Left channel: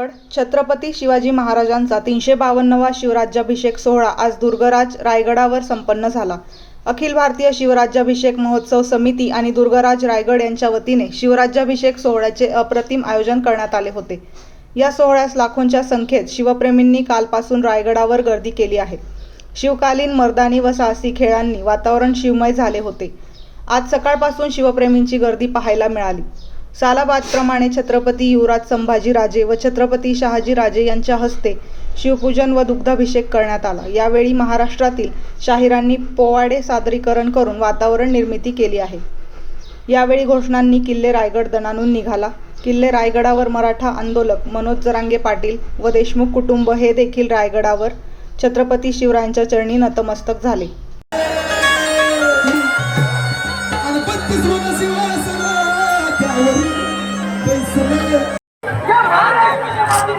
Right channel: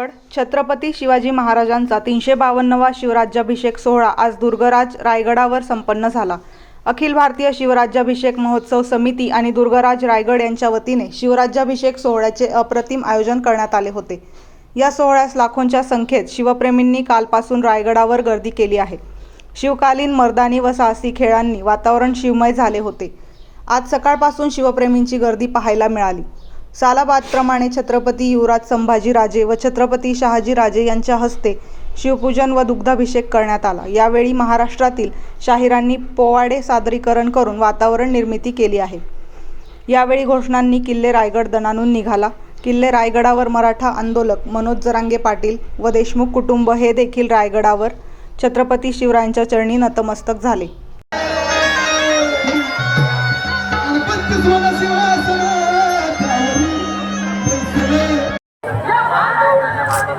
रायगड छत्रपती शिवाजी महाराजांचा तीनशे बावन्नवा शिवराज्याभिषेक सोहळा आज दुर्गराज रायगडावर संपन्न झाला. अखिल भारतीय शिवराज्याभिषेक महोत्सव समिती आणि दुर्गराज रायगड यांच्या वतीने शिवराज्याभिषेक सोहळ्याचे अप्रतिम आयोजन करण्यात आले होते. या सोहळ्यास लाखोंच्या संख्येत शिवप्रेमींनी कालपासून रायगडावर गर्दी केली आहे. शिवकालीन मर्दानी व साहसी खेळांनी वातावरण शिवमय झाले होते. आज सकाळपासून शिवप्रेमींची गर्दी पाहायला मिळाली. सालाबादप्रमाणे छत्रपती युवराज संभाजीराजे व छत्रपती शहाजीराजे यांच्या हस्ते शिवपूजन व दुग्धाभिषेक करण्यात आला. यावेळी महाराष्ट्रातील शाहिरांनी पोवाडे सादरीकरण करून वातावरण निर्मिती केली आहे. यावेळी घोषणांनी किल्ले रायगड दणानून निघाला. किल्ले रायगडावर मराठा आंदोलक मनोज जरांगे पाटील व देशमुख कुटुंब हे देखील रायगडावर छत्रपती शिवरायांच्या चरणी नतमस्तक झाले.